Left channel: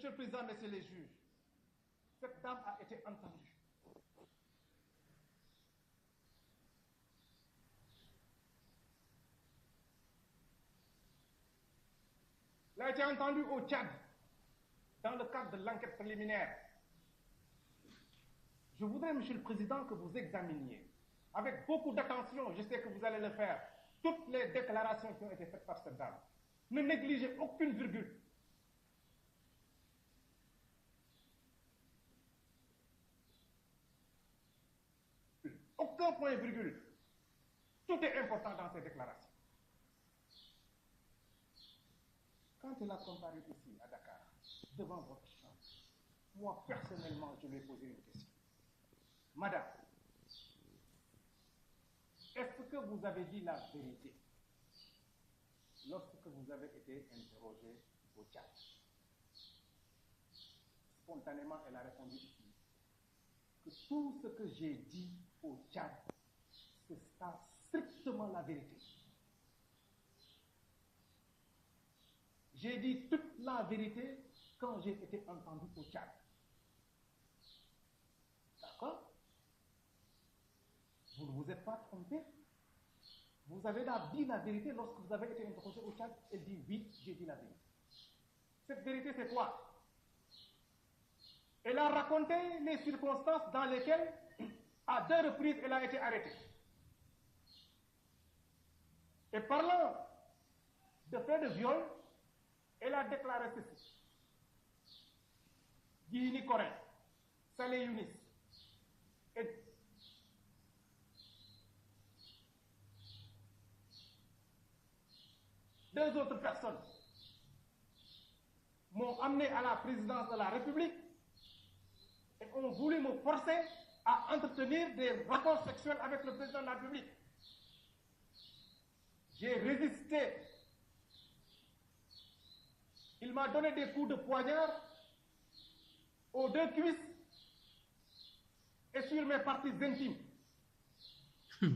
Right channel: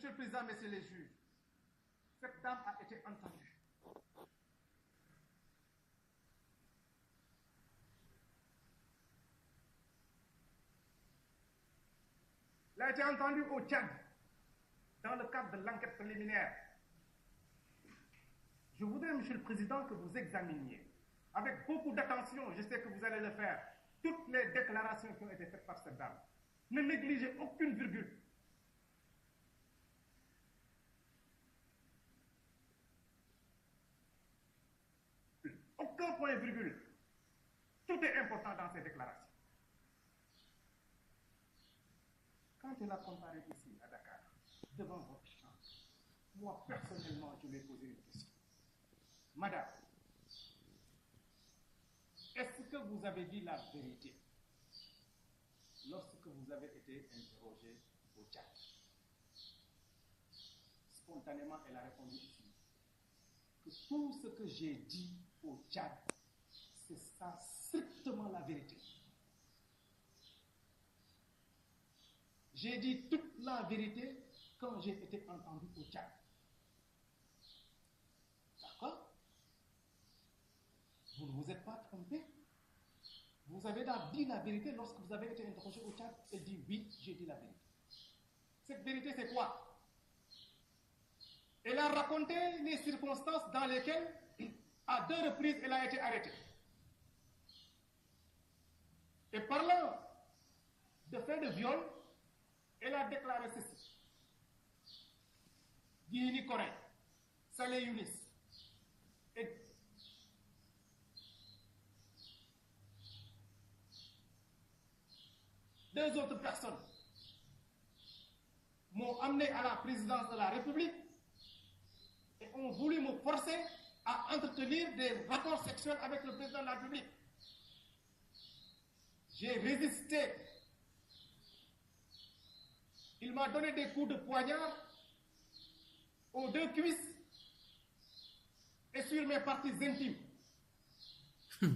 Monsieur le Président, messieurs les juges, cette dame a été entendue. Elle a été entendue au Tchad, dans le cadre de l'enquête préliminaire. Je voudrais, Monsieur le Président, que vous examiniez, avec beaucoup d'attention, je sais que vous allez le faire, toutes les déclarations qui ont été faites par cette dame. Ne négligez aucune virgule. Aucun point virgule. Tout est important dans ces déclarations. Quand elle a comparé ici, à Dakar, devant votre chambre, moi, personnellement, je lui ai posé une question. Madame, est-ce que vous avez dit la vérité lorsque vous avez été interrogée au Tchad? Spontanément, elle a répondu ici que tout ce que j'ai dit au Tchad, c'est ça strictement la vérité. J'ai dit toute la vérité quand j'ai été entendu au Tchad. D'accord? Vous ne vous êtes pas trompé. Vous avez dit la vérité lorsque vous avez été interrogé au Tchad. Elle dit oui, j'ai dit la vérité. Cette vérité, c'est quoi? Elle a raconté les circonstances dans lesquelles, à 2 reprises, elle a été arrêtée. Et parlant de faits de viol, elle a déclaré ceci. Guini Corin, Saleh Younis, et deux autres personnes m'ont amené à la présidence de la République et ont voulu me forcer à entretenir des rapports sexuels avec le président de la République. J'ai résisté. Il m'a donné des coups de poignard aux 2 cuisses et sur mes parties intimes.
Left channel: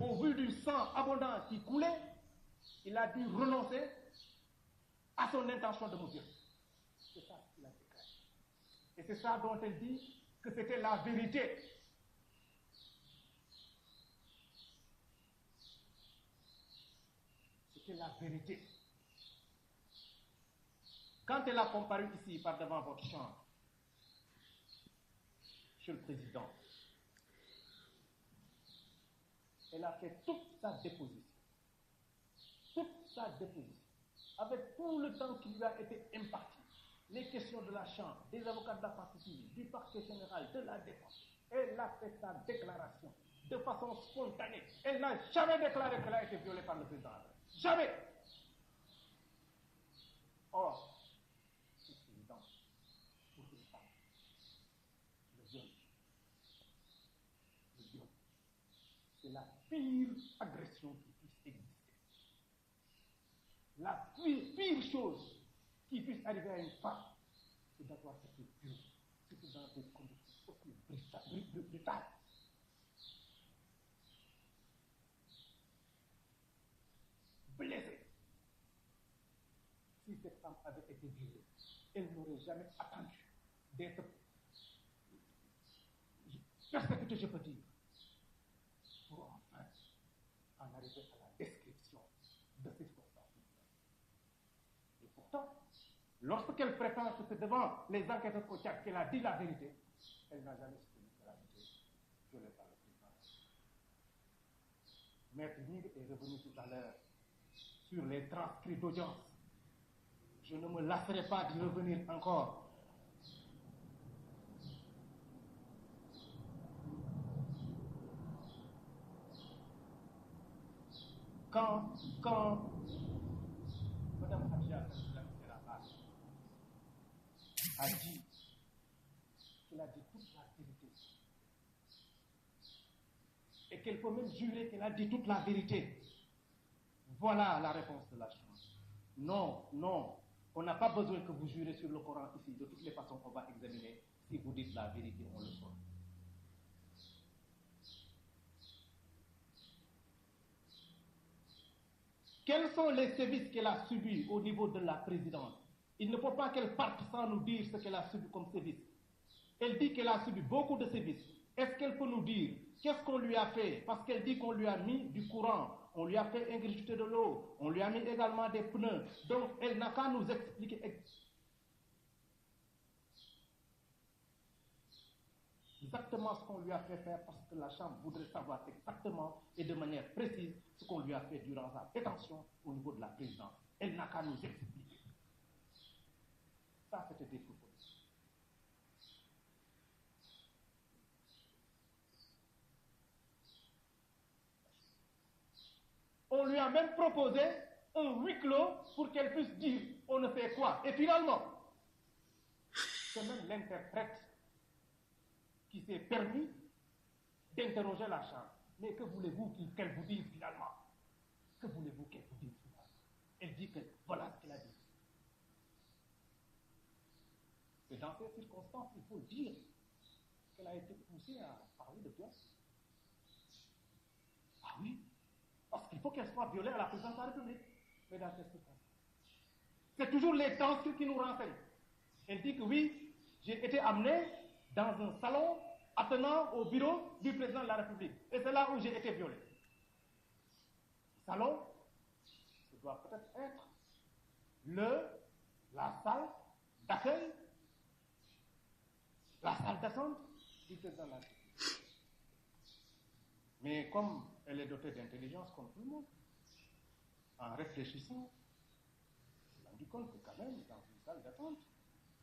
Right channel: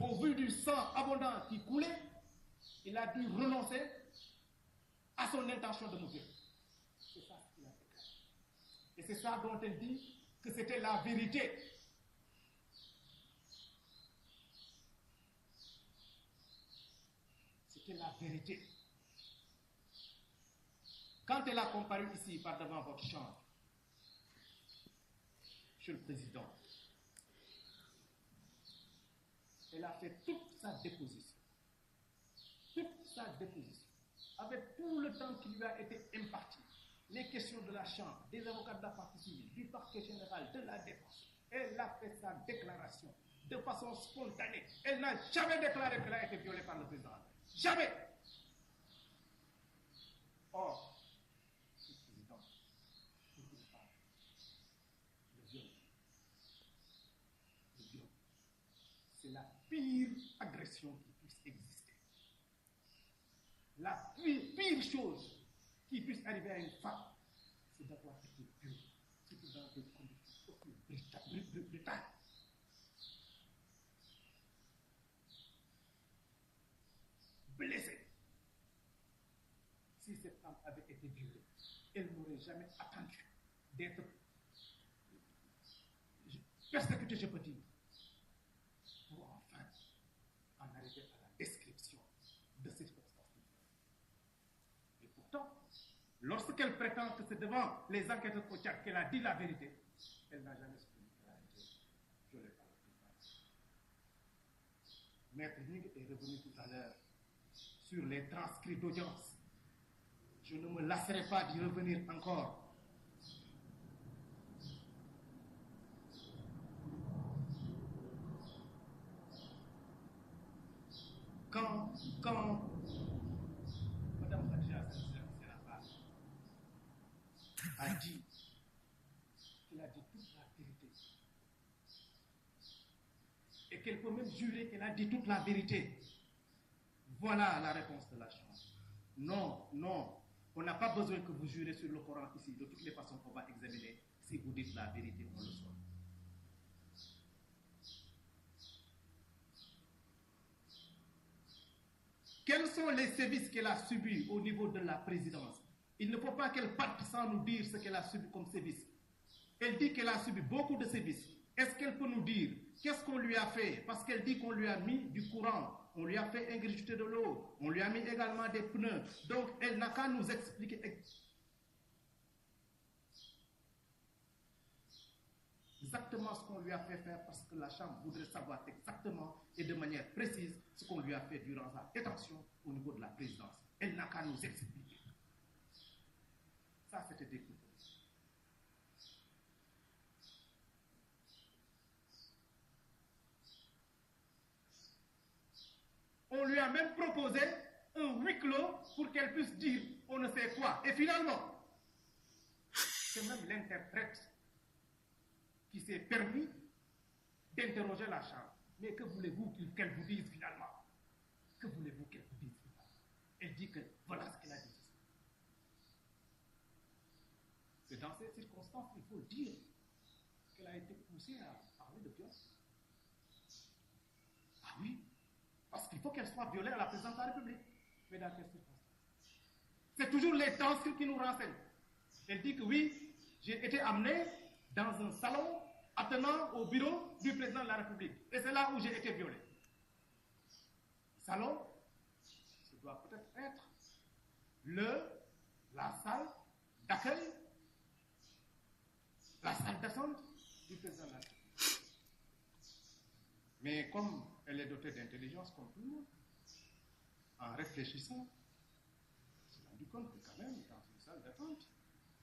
Au vu du sang abondant qui coulait, il a dû renoncer à son intention de me violer. C'est ça qu'il a déclaré. Et c'est ça dont elle dit que c'était la vérité. C'était la vérité. Quand elle a comparu ici, par devant votre chambre, Monsieur le Président, elle a fait toute sa déposition. Toute sa déposition. Avec tout le temps qui lui a été imparti. Les questions de la Chambre, des avocats de la partie civile, du parquet général, de la défense. Elle a fait sa déclaration de façon spontanée. Elle n'a jamais déclaré qu'elle a été violée par le président. Jamais. Or, Monsieur le Président, pour une femme, le viol, c'est la pire agression qui puisse exister. La pire chose qui puisse arriver à une femme, c'est d'avoir été violée, surtout dans des conditions aussi brutales. Blessée. Si cette femme avait été violée, elle n'aurait jamais attendu d'être persécutée, je peux dire, pour enfin en arriver à la description de ces circonstances. Et pourtant, lorsqu'elle prétend que c'est devant les enquêteurs au Tchad qu'elle a dit la vérité, elle n'a jamais soutenu qu'elle a été violée par le président. Maître Ning est revenu tout à l'heure sur les transcrits d'audience. Je ne me lasserai pas d'y revenir encore. Quand Mme Khadija, c'est la femme, a dit qu'elle a dit toute la vérité et qu'elle peut même jurer qu'elle a dit toute la vérité, voilà la réponse de la Chambre. Non, non, on n'a pas besoin que vous jurez sur le Coran ici. De toutes les façons, on va examiner si vous dites la vérité, on le saura. Quels sont les services qu'elle a subis au niveau de la présidence Il ne faut pas qu'elle parte sans nous dire ce qu'elle a subi comme sévice. Elle dit qu'elle a subi beaucoup de sévices. Est-ce qu'elle peut nous dire qu'est-ce qu'on lui a fait? Parce qu'elle dit qu'on lui a mis du courant, on lui a fait ingurgiter de l'eau, on lui a mis également des pneus. Donc, elle n'a qu'à nous expliquer exactement ce qu'on lui a fait faire, parce que la Chambre voudrait savoir exactement et de manière précise ce qu'on lui a fait durant sa détention au niveau de la présidence. Elle n'a qu'à nous expliquer. Ça, c'était des propos. On lui a même proposé un huis clos pour qu'elle puisse dire on ne sait quoi. Et finalement, c'est même l'interprète qui s'est permis d'interroger la Chambre. Mais que voulez-vous qu'elle vous dise finalement? Que voulez-vous qu'elle vous dise finalement? Elle dit que voilà ce qu'elle a dit. C'est dans ces circonstances qu'il faut dire qu'elle a été poussée à parler de violence. Ah oui, parce qu'il faut qu'elle soit violée à la présidence de la République. Mais dans quelles circonstances? C'est toujours les transcrits qui nous renseignent. Elle dit que oui, j'ai été amené dans un salon attenant au bureau du président de la République. Et c'est là où j'ai été violé. Salon, ce doit peut-être être la salle d'accueil, la salle d'attente du président de la République. Mais comme elle est dotée d'intelligence comme tout le monde, en réfléchissant, elle s'est rendu compte que quand même, dans une salle d'attente,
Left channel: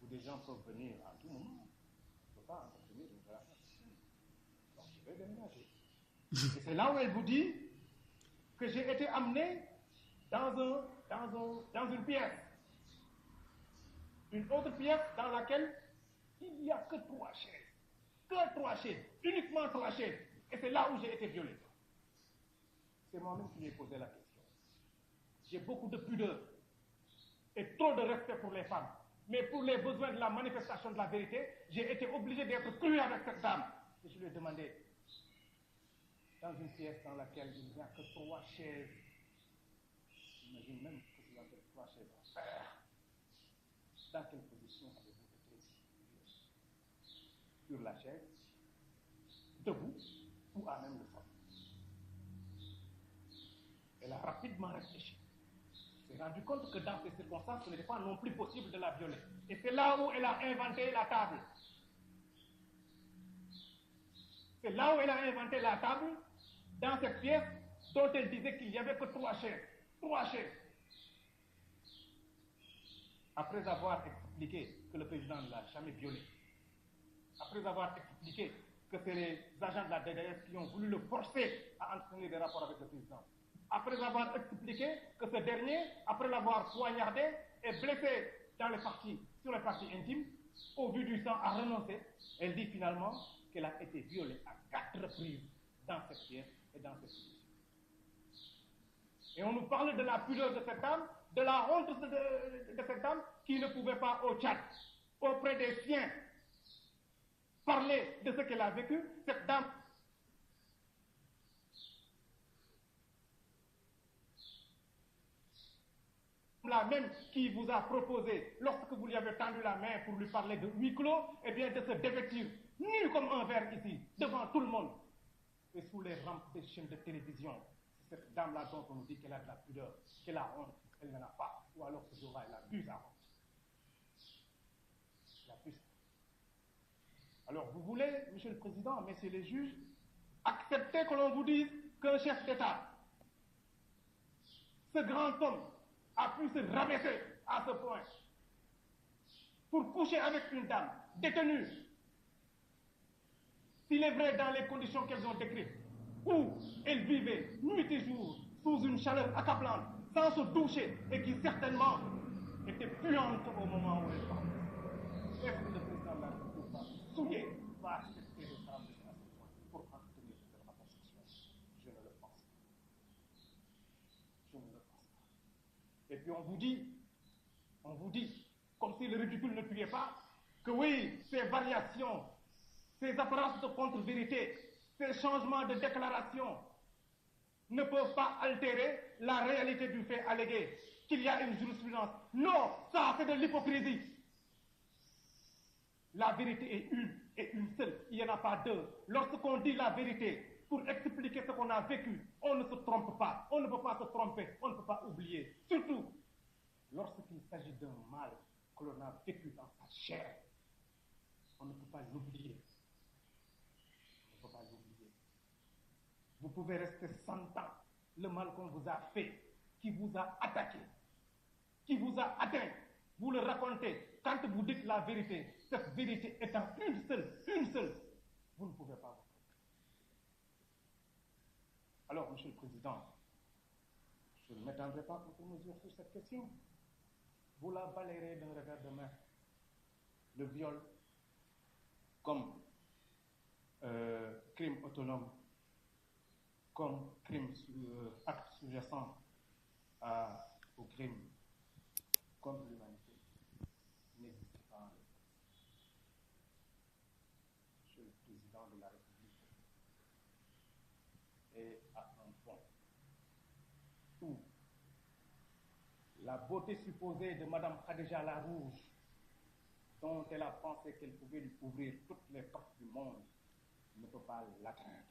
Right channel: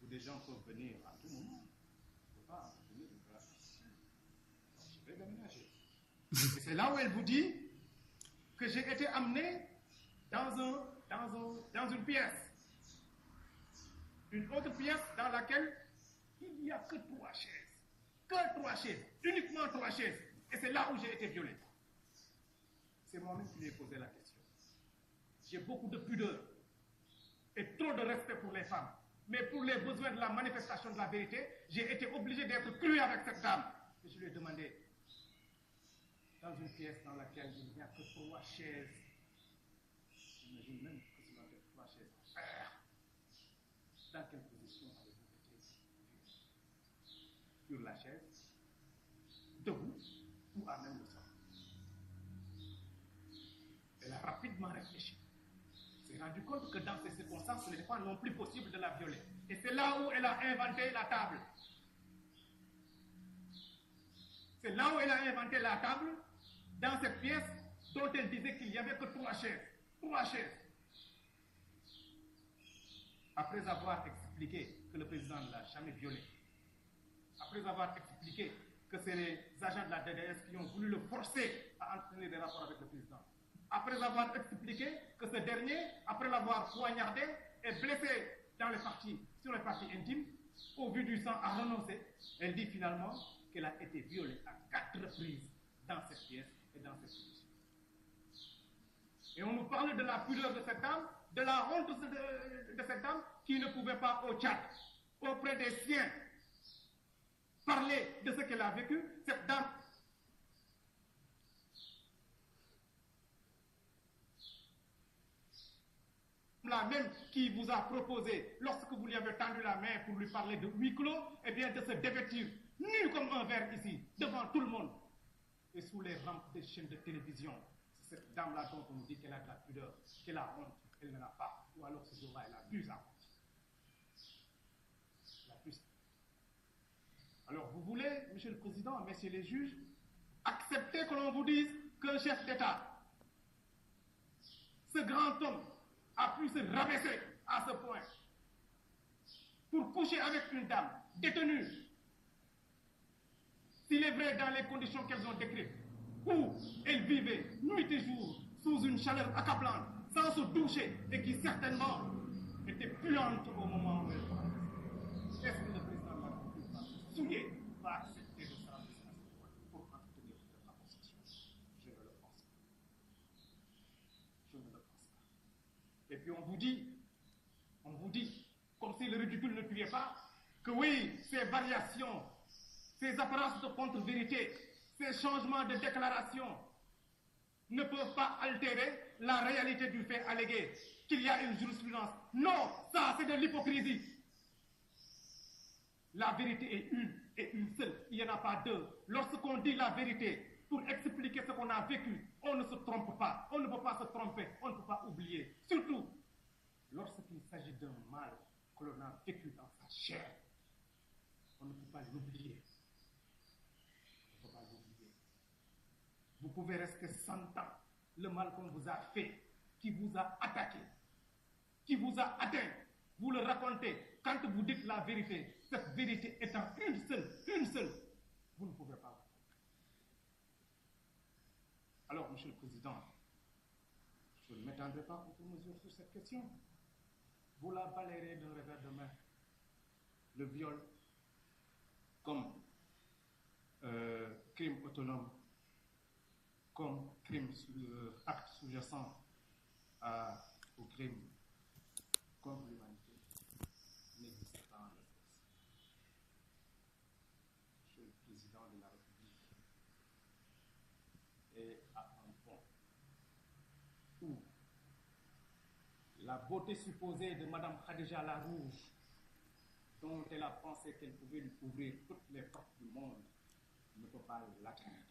où des gens peuvent venir à tout moment, on ne peut pas entretenir une relation sexuelle. Donc je vais déménager. Et c'est là où elle vous dit que j'ai été amené dans une pièce. Une autre pièce dans laquelle il n'y a que 3 chaises. Que 3 chaises. Uniquement 3 chaises. Et c'est là où j'ai été violé. C'est moi-même qui lui ai posé la question. J'ai beaucoup de pudeur et trop de respect pour les femmes. Mais pour les besoins de la manifestation de la vérité, j'ai été obligé d'être cru avec cette dame. Et je lui ai demandé, dans une pièce dans laquelle il n'y a que 3 chaises, j'imagine même que ce doit être 3 chaises en fer. Dans quelle position avez-vous été sur la chaise, debout ou à même le sol? Elle a rapidement réfléchi. Elle s'est rendue compte que dans ces circonstances, ce n'était pas non plus possible de la violer. Et c'est là où elle a inventé la table. C'est là où elle a inventé la table, dans cette pièce dont elle disait qu'il n'y avait que 3 chaises. 3 chaises. Après avoir expliqué que le président ne l'a jamais violée, après avoir expliqué que c'est les agents de la DDS qui ont voulu le forcer à entretenir des rapports avec le président, après avoir expliqué que ce dernier, après l'avoir poignardé et blessé sur les parties intimes, au vu du sang, a renoncé, elle dit finalement qu'elle a été violée à 4 reprises dans cette pièce et dans cette position. Et on nous parle de la pudeur de cette dame, de la honte de cette dame qui ne pouvait pas au Tchad, auprès des siens, parler de ce qu'elle a vécu. Cette dame la même qui vous a proposé, lorsque vous lui avez tendu la main pour lui parler de huis clos, eh bien de se dévêtir nu comme un verre ici, devant tout le monde, et sous les rampes des chaînes de télévision. C'est cette dame-là dont on nous dit qu'elle a de la pudeur, qu'elle a honte, elle n'en a pas, ou alors ce jour-là, elle a bu sa honte. Alors vous voulez, Monsieur le Président, Messieurs les juges, accepter que l'on vous dise qu'un chef d'État, ce grand homme, a pu se rabaisser à ce point pour coucher avec une dame détenue, s'il est vrai dans les conditions qu'elles ont décrites, où elle vivait nuit et jour sous une chaleur accablante, sans se doucher, et qui certainement était puante au moment où elle parlait. Est-ce que le président de la République souillé va accepter de s'en rabaisser à ce point pour entretenir la position? Je ne le pense pas. Je ne le pense pas. Et puis on vous dit, comme si le ridicule ne tuait pas, que oui, ces variations, ces apparences de contre-vérité, ces changements de déclaration ne peuvent pas altérer la réalité du fait allégué, qu'il y a une jurisprudence Non, ça c'est de l'hypocrisie. La vérité est une et une seule. Il n'y en a pas deux. Lorsqu'on dit la vérité pour expliquer ce qu'on a vécu, on ne se trompe pas. On ne peut pas se tromper. On ne peut pas oublier. Surtout lorsqu'il s'agit d'un mal que l'on a vécu dans sa chair. On ne peut pas l'oublier. On ne peut pas l'oublier. Vous pouvez rester 100 ans. Le mal qu'on vous a fait, qui vous a attaqué, qui vous a atteint, vous le racontez. Quand vous dites la vérité, cette vérité étant une seule, vous ne pouvez pas vous tromper. Alors, Monsieur le Président, je ne m'étendrai pas outre mesure sur cette question. Vous la balayerez d'un revers de main. Le viol comme crime autonome, comme crime acte sous-jacent au crime contre l'humanité n'existe pas en l'espèce. Monsieur le Président de la République est à un point où la beauté supposée de Madame Khadija la Rouge, dont elle a pensé qu'elle pouvait lui ouvrir toutes les portes du monde, ne peut pas l'atteindre.